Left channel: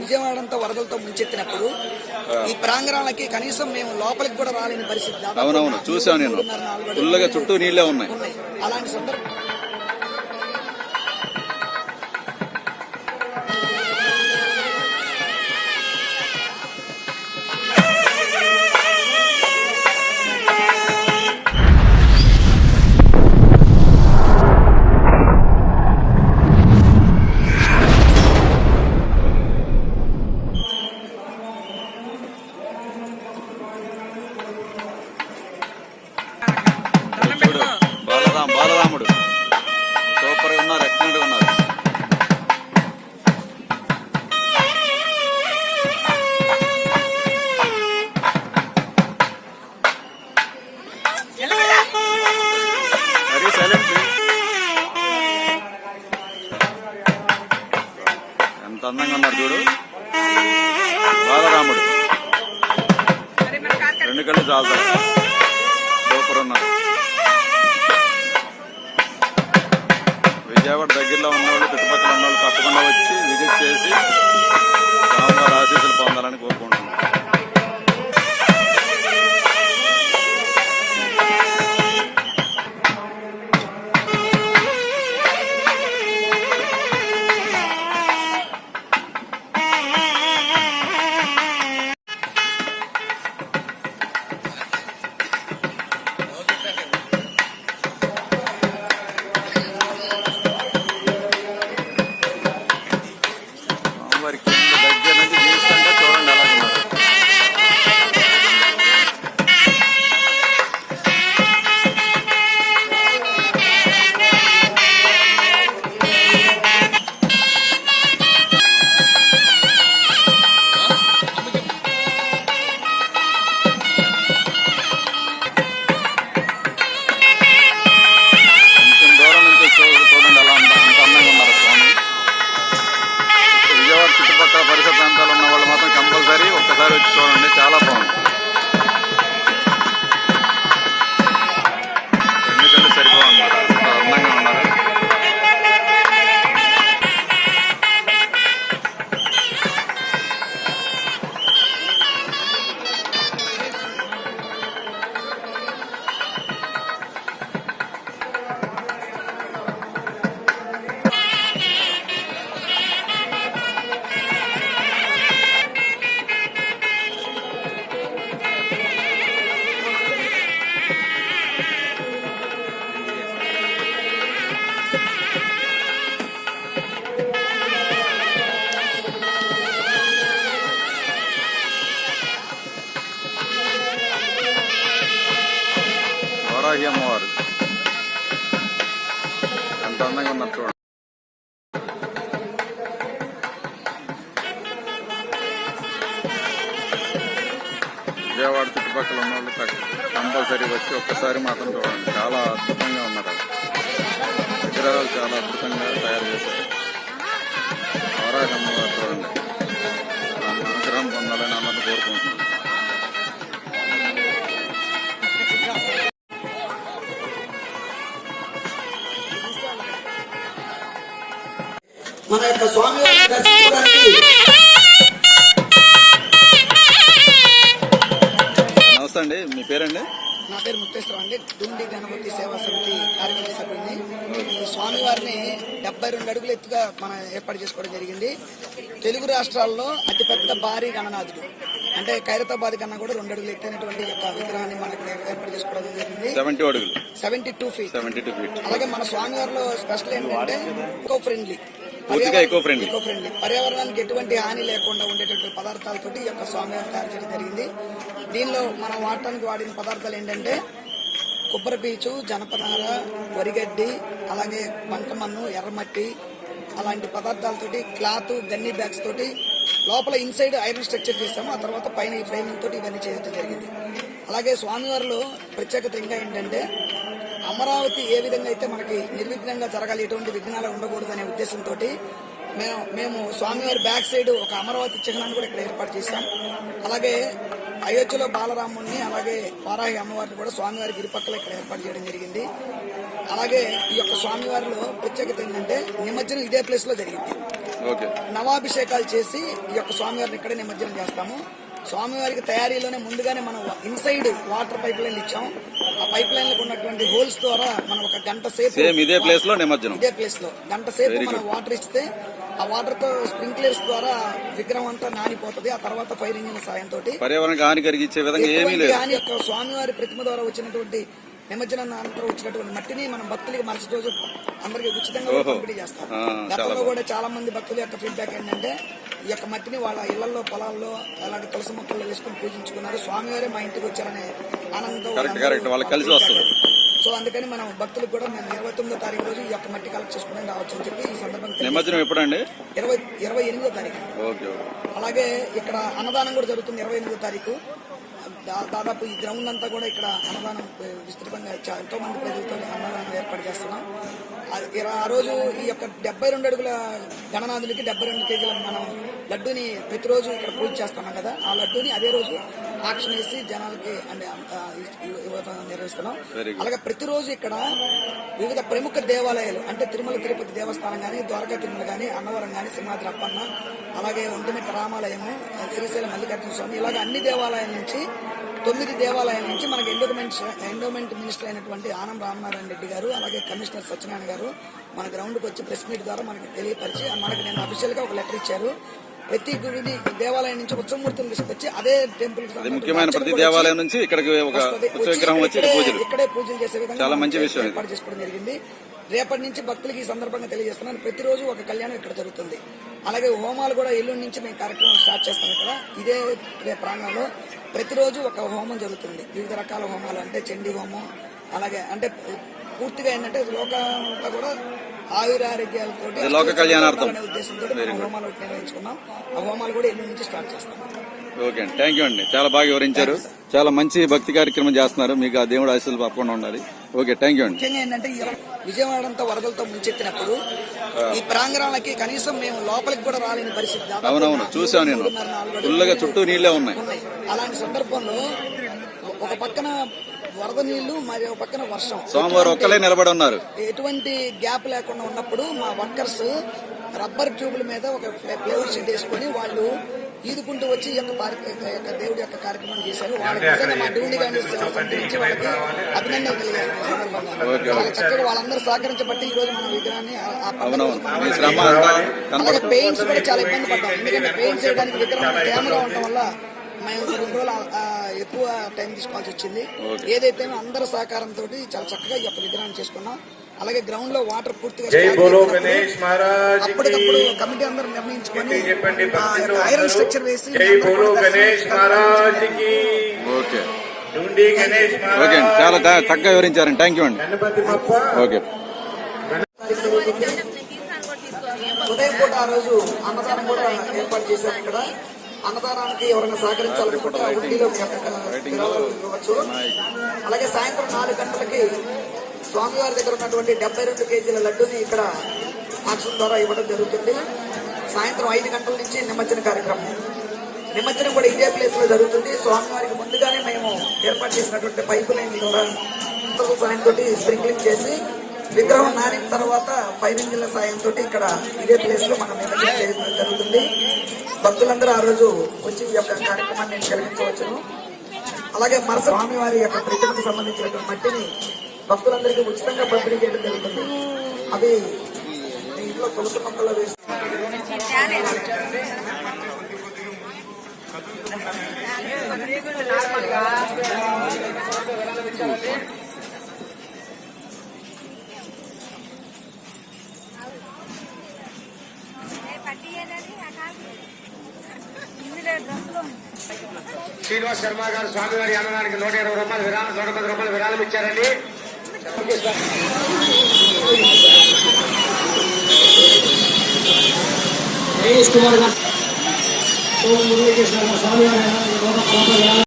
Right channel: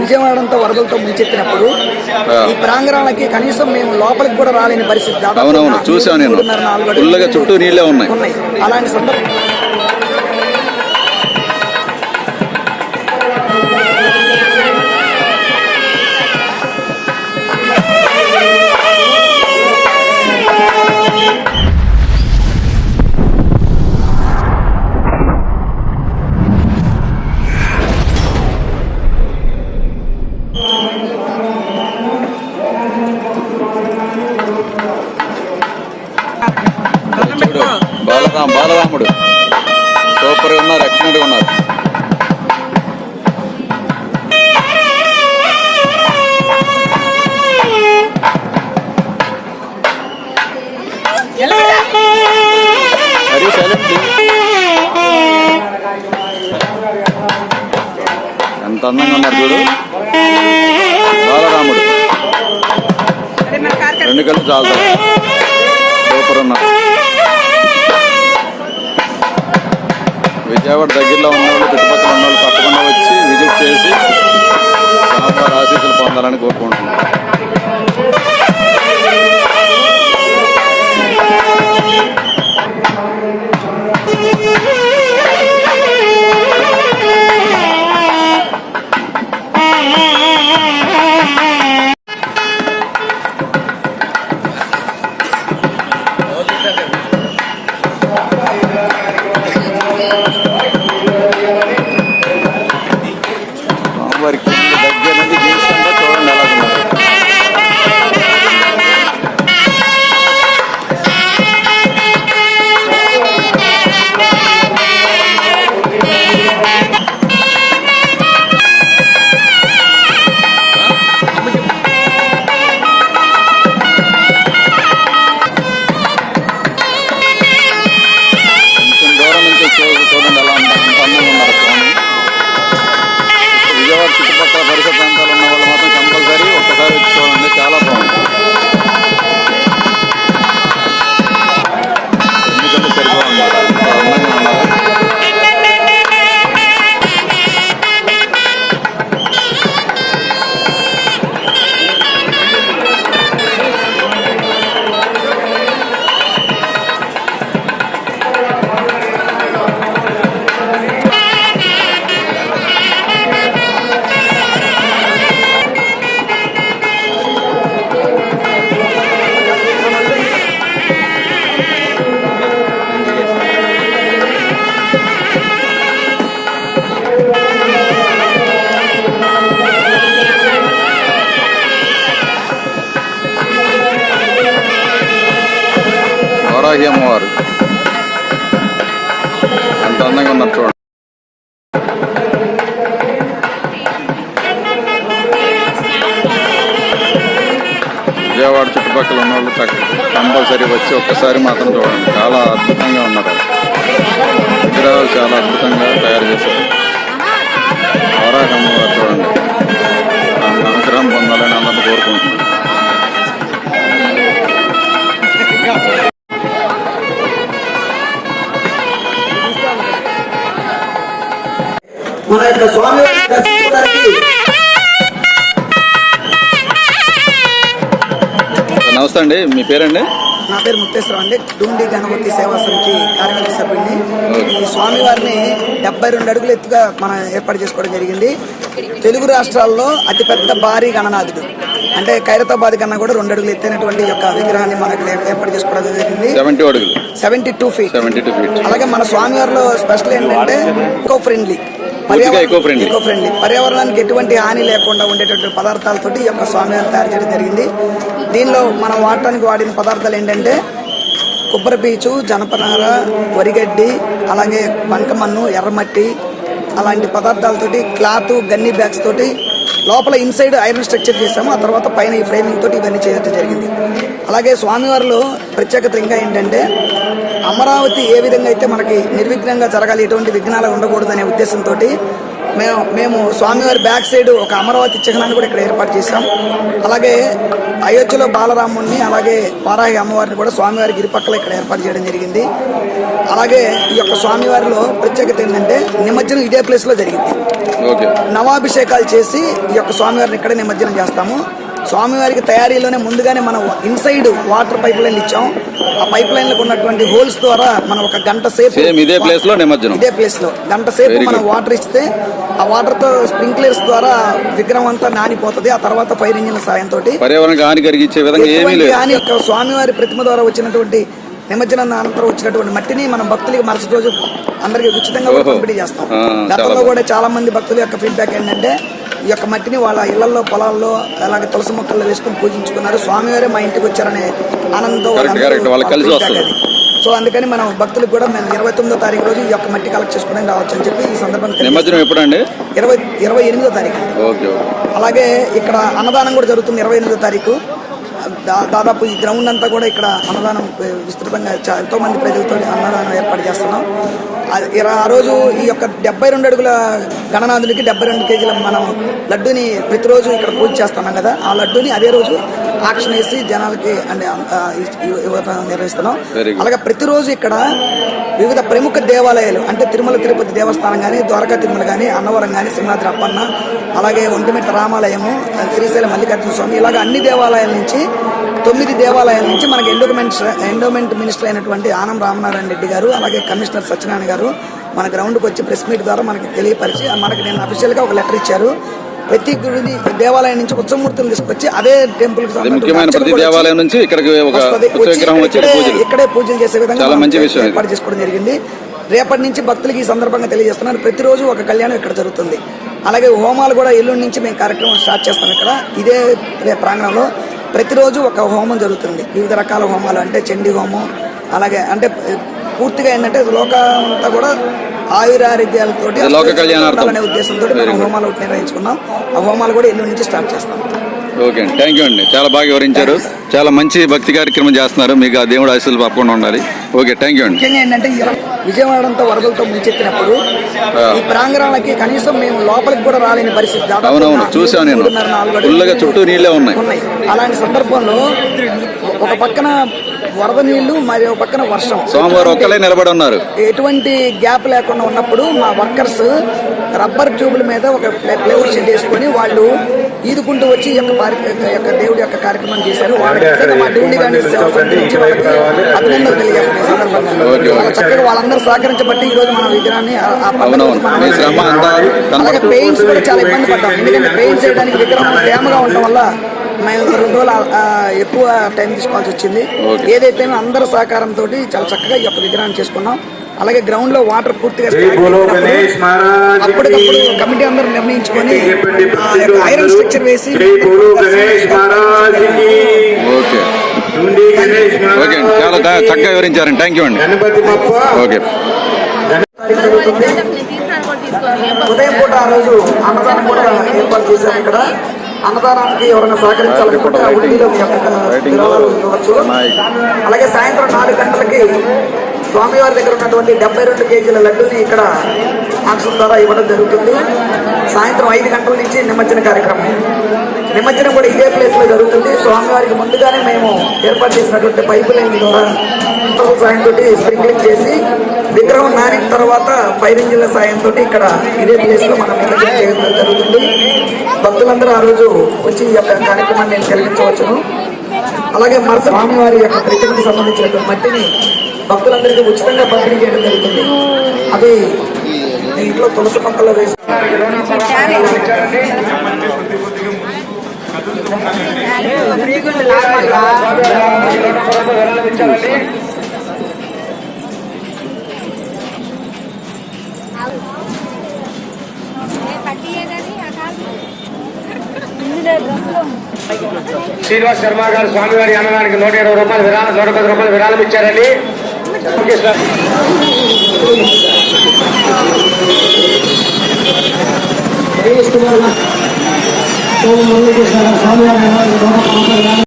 విజయవాడ అంతా వరదలతో ముంచెత్తినప్పుడు ఈ ప్రాంగణాలకి కనీసం మేము లోపలికి కూడా రాలేని పరిస్థితి. అవునవును, చూసాను నేను. ఫుల్గా చుట్టూ నీళ్ళే ఉన్నాయి. అలాంటి సందర్భం బాలరాముడు సూపర్గా ఉన్నారు, ఎక్సలెంట్గా ఉన్నారు. మరీ సైలెంట్. ఎంత అందంగా ఉన్నారు చూడు. బాలరాముడు రెండు కళ్ళు చాలుతారు, సూపర్ ఉన్నారు. విజయవాడ దగ్గరలో ఉన్నవాళ్ళు, చుట్టుపక్కల ఉన్నవాళ్ళు తప్పకుండా వచ్చి విజిట్ చేసి స్వామివారి ఆశీస్సులు పొందాలని కోరుకుంటున్నాను. వారికి దగ్గర నుంచి జీవిస్తుంటే చూడండి ఎలాగున్నారు. కొంచెం దూరం నుంచి చూడండి ఎలా అంత అందంగా ఉన్నారు స్వామి. విజయవాడ చుట్టుపక్కల పరిసర ప్రాంతాలు ఉన్న వాళ్ళు మాత్రం కంపల్సరీ ఒక్కసారి వచ్చి చూడండి, చాలా బాగుంది. ఎందుకంటే సరిపోవన్నమాట, అంత అందంగా ఉన్నారు. వారాహి అమ్మవారు ఎంత అందంగా ఉన్నారు చూడండి. విజయవాడ చుట్టుపక్కల ఉన్న వాళ్ళు కంపల్సరీ వచ్చి ఒక్కసారి మాత్రం చూడండి, చాలా అద్భుతంగా ఉన్నారు. విగ్రహాలు చాలా అద్భుతంగా తయారు చేశారు. వారాహి అమ్మవారు చూడండి, అనుగ్రహం పొందాలని అందరినీ కోరుకుంటున్నాను. మన యొక్క స్వామి నమస్తే అండి, మీ పేరండి? నా పేరు ముక్తేశ్వరం అండి. డూండి గణపతి సేవా సమితి కార్యవర్గ సభ్యుడిని. ఈ స్వామివారిని 72 అడుగులు ఎత్తుగా మనం ఏర్పాటు చేసుకోవడం జరిగింది. తెలుగు రాష్ట్రాల్లో అతిపెద్ద భారీ గణనాథుడు అంటే ఖైరతాబాద్ కన్నా కూడా 2 అడుగులు ఎత్తైనటువంటి యొక్క విగ్రహాన్ని మనకు ఏర్పాటు చేసుకోవడం జరిగింది. 72 ఫీట్. అలాగే మన స్వామివారిలో స్పెషల్ ఏంటంటే ఎకో ఫ్రెండ్లీ, పర్యావరణానికి ఎటువంటి హాని లేకుండా ఉండేటువంటి పదార్థాలతోటి ఈ యొక్క స్వామివారిని తయారు చేయడం జరిగింది. దీనిలో మనం వాడటానికి వాడిన పదార్థాలు ఏంటంటే కొబ్బరి పీచు, జనపనార, వరిగడ్డి, అలాగే బంకమన్ను, ఎర్రమట్టి అలాంటి పదార్థాలతోటి క్లాత్, గన్నీ బ్యాగ్స్ తోటి లోపల ఇన్సైడ్ ఐరన్ స్ట్రక్చర్ చేసాము. ఆ తర్వాత పైన ఈ ఫ్రేమింగ్ తోటి ఇవన్నీ చేయడం జరిగింది. అలాగే స్వామివారిలో ప్రత్యేకత ఇంకా ఏంటంటే అమరావతి ఏ విధంగా అయితే మనకి నిర్విఘ్నంగా జరగాలి, ఎటువంటి విఘ్నాలు ఉండకూడదు అనే ఉద్దేశంతో మేము స్వామివారి బ్యాక్ సైడ్ ఒక అమరావతి చిహ్నాన్ని కూడా ఇక్కడ ఏర్పాటు చేశాం. అలాగే అయోధ్యలో బాలరాముడిని, అలాగే వారాహి అమ్మవారిని కూడా స్వామివారికి ఇరుపక్కల ఇక్కడ ఏర్పాటు చేయడం జరిగింది. అలాగే ఈ యొక్క స్వామివారిలో ప్రత్యేకత ఏంటంటే నిమజ్జనం ఇదే ప్లేస్ లో జరిగింది. ఓకే. నవాభిషేకాలు చేసి ఈ యొక్క స్వామివారిని ఇక్కడే నిమజ్జనం చేస్తాము. స్వామివారికి తయారీలోనే ముందుగానే మనం ఇన్సైడ్ వాటర్ పైప్ లైన్లు ఇచ్చాం. ఆ పైప్ లైన్లకు ఉన్నటువంటి హోల్స్ ద్వారా మనం ఒక గంట సేపు ఇదే ప్లేస్ లో నిమజ్జనం, ఇదే ప్లేస్ లో గంట సేపు మనం వాటర్ ఇస్తే ఆ వాటర్ తో స్ప్రింక్లర్స్ ద్వారా విగ్రహం అంతా నానిపోతుంది. ఆ తర్వాత ఫైర్ ఇంజిన్ సాయంతో పర్యావరణానికి హాని కలిగించే విధంగా ఏమీ లేదు. కానీ యొక్క స్వామివారి ప్రతిమ ద్వారా వచ్చినటువంటి నిమజ్జనం అనంతరం వచ్చినటువంటి మట్టిని మనం భక్తులకి మరుసటి రోజు అందరికి ఉచితంగా పంపిణీ చేస్తాం. గతంలో కూడా చాలా మంది భక్తుల యొక్క ఫీడ్బ్యాక్ ఏంటంటే ఈ యొక్క మట్టిని వాళ్ళ ఇళ్లలో పొలాల్లో అలాగే తులసి మొక్కల్లో వేసుకుని పూజించుకున్నారు, స్వామివారే మా ఇంటికి వచ్చారనే ఆనందంతో. సో అందుకని మనం భక్తులకు కూడా మేము 29వ తారీఖు రోజు ఈ యొక్క మట్టి కలెక్ట్ చేసుకుని రావచ్చు అని చెప్పి ఈ సందర్భంగా నిమజ్జనం ఎప్పుడండి? 28వ తారీఖు. అలాగే ఇక్కడ అన్నదానం కూడా జరుగుతుంది 28వ తారీఖు. దాదాపు ఈ గ్రౌండ్ అంతా కూడా ఇక్కడ అన్నదానం విస్తృతంగా ఎంతో మంది ప్రజలతో అన్నదానం ఏర్పాటు చేస్తున్నాం. ఆ రోజు ఈ యొక్క 72 అడుగుల గణనాథునికి 72 కేజీల మనం లడ్డూని ప్రతిరోజు ఇక్కడ పూజ చేస్తున్నాం కదా, ఆ లడ్డూని అదే రోజు ఆక్షన్ వేసి జనాలకి అంటే నిర్వహిస్తున్నాం. అలాగే ప్రతిరోజు ఇక్కడ వివిధ ప్రముఖ దేవాలయాలు అంటే తిరుమల తిరుపతి దేవస్థానం కానీ, ద్వారకా తిరుమల కానీ, అన్నవరం కానీ, సింహాద్రి అప్పన్న, అలాగే ఒంటిమిట్ట రామాలయము, శ్రీశైలం మల్లికార్జున స్వామి, ఇలాగ అన్ని దేవాలయాల నుంచి 9 దేవాలయాల నుంచి మనకి ఎండోమెంట్ మినిస్టర్ అయినటువంటి ఆనం రామనారాయణ రెడ్డి గారు, అలాగే కమిషనర్ సత్యనారాయణ గారు మన గ్రౌండ్కి వచ్చి ప్రెస్ మీట్ ద్వారా మనకి తెలియపరిచి మనకి నేను అఫీషియల్గా ఒక లెటర్ ఇచ్చారు. ప్రతి గుడి దేవాలయం నుంచి ఉత్సవమూర్తులు తీసుకొచ్చి అదే టెంపుల్ ఇక్కడే పూజలు చేసే విధంగా ఏర్పాటు చేసుకోవడం జరిగింది. రేపటి నుంచి భక్తులకి ఈ సందర్భంగా తెలియజేస్తున్నాను, ప్రతిరోజు ఒక కళ్యాణం ఇక్కడ జరుగుతుంది. అలాగే హోమాలు కూడా ఎల్లుండి నుంచి మేము కార్యక్రమం స్టార్ట్ చేస్తాం. ఇక్కడ ఇదే ప్రాంగణంలో ప్రతిరోజు ఒక హోమం జరుగుతుంది. వివిధ రకాల హోమాలు అంటే చండీ హోమం, అలాగే అంటే పూర్తిగా ఏంటంటే లోకమంతా కూడా ఆయురారోగ్యాలతో అనే ఉద్దేశంతో మనం హోమాలు నిర్వహించుకున్నాం. ఆ హోమాలు కూడా ఎల్లుండి నుంచి స్టార్ట్ చేస్తాం. ఓకే అండి, థ్యాంక్ యూ అండి, చాలా బాగా వివరించారు. చాలా మంచి భక్తి కార్యక్రమం చేస్తున్నారు, మీకు ఆ దేవుడు ఆశీస్సులు తప్పకుండా ఉండాలి. ఓకే, థ్యాంక్ యూ అండి. ముఖ్యంగా ఏంటంటే విజయవాడ అంతా వరదలతో ముంచెత్తినప్పుడు ఈ ప్రాంగణాలకి కనీసం మేము లోపలికి కూడా రాలేని పరిస్థితి. అవునవును, చూసాను నేను, ఫుల్గా చుట్టూ నీళ్ళే ఉన్నాయి. అలాంటి సందర్భంలో ఒక పక్కన వరద నీళ్లు మరి ఒక పక్కన వర్షం, సోమవారం ఒక్కలే నిలబడి ఉన్నారు. ఎటువంటి గ్యాప్ లేకుండా ఉన్నప్పుడు మా వర్కర్స్ రబ్బర్ ట్యూబుల మీద ఒక ప్లేవుడ్ షెడ్ వేసుకొని వాళ్ళు ఈదుకుంటూ వచ్చి ఈ యొక్క దేవుడి యొక్క కార్యక్రమం చేశారు. వాళ్ళకి మా డ్యూటీ కానీ నుంచి వాళ్ళకి అభినందనలు తెలియజేస్తున్నాయి. సందర్భంగా చాలా చక్కగా వాళ్ళందరూ సహకరించబట్టి ఈ రోజు మన విగ్రహాన్ని అలాగే పెయింట్స్ కూడా చాలా ఇబ్బంది పడ్డాం. ఎందుకంటే పెయింట్స్ వేయడానికి విగ్రహం తేమగా ఉండటం వల్ల మేము 2 రోజులు ఎక్కువ టైం తీసుకోవాల్సి వచ్చింది. ఏదైతే అందరి సహకారంతో చాలా చక్కగా ఈ యొక్క విగ్రహాన్ని చేసుకున్నాం. అలాగే గ్రౌండ్ లో వాటర్ పూర్తిగా అప్పటికప్పుడు కమిటీ అందరూ నిర్ణయించుకొని ఐరన్ స్ట్రక్చర్ వేసి ఓకే ఓకే అండి, చాలా చక్కగా వివరించారండి. థ్యాంక్ యూ అండి. ఓకే. ఉదయం పూట ఆ రోజు అన్నదానం కూడా ఏర్పాటు చేశాం. ఇక్కడ అన్నదానానికి ఎవరైనా సహకరించాలనుకుంటే ఇవ్వచ్చు. అలాగే సాయంత్రం 4 గంటలకి స్వామివారి దగ్గర ఉన్నటువంటి 72 కేజీల లడ్డూని ఇక్కడ ఆక్షన్ ద్వారా ఇవ్వడం జరుగుతుంది. సాయంత్రం 5 గంటల నుంచి నిమజ్జన కార్యక్రమం. నిమజ్జనం కూడా ఇదే ప్లేస్ లో జరుగుతుంది. స్వామివారికి ముందుగానే మేము ఏర్పాటు చేసినటువంటి పైపు లైన్ ద్వారా సాయంతో స్ప్రింక్లింగ్ చేసి విగ్రహం నానిన తర్వాత ఫైర్ ఇంజిన్ల సాయంతో ఇక్కడ ఇదే ప్లేస్ లో మనం నిమజ్జనం చేయడం జరుగుతుంది. భక్తులందరూ ఆ రోజు వచ్చి ఈ యొక్క కార్యక్రమాన్ని కలిగించవచ్చును. అలాగే మరుసటి స్వామివారి యొక్క ప్రతిమకు సంబంధించినటువంటి మట్టిని భక్తులందరికీ ఉచితంగా పంపిణీ చేయడం జరుగుతుంది. అది ఇంట్లో తులసి మొక్కల్లో వేసి శ్రీనివాస్ శర్మ గారు స్వామివారి అన్నదానికి 120 రూపాయలు విరాళం, 110 రూపాయలు విరాళం ఇచ్చారండి. స్వామివారి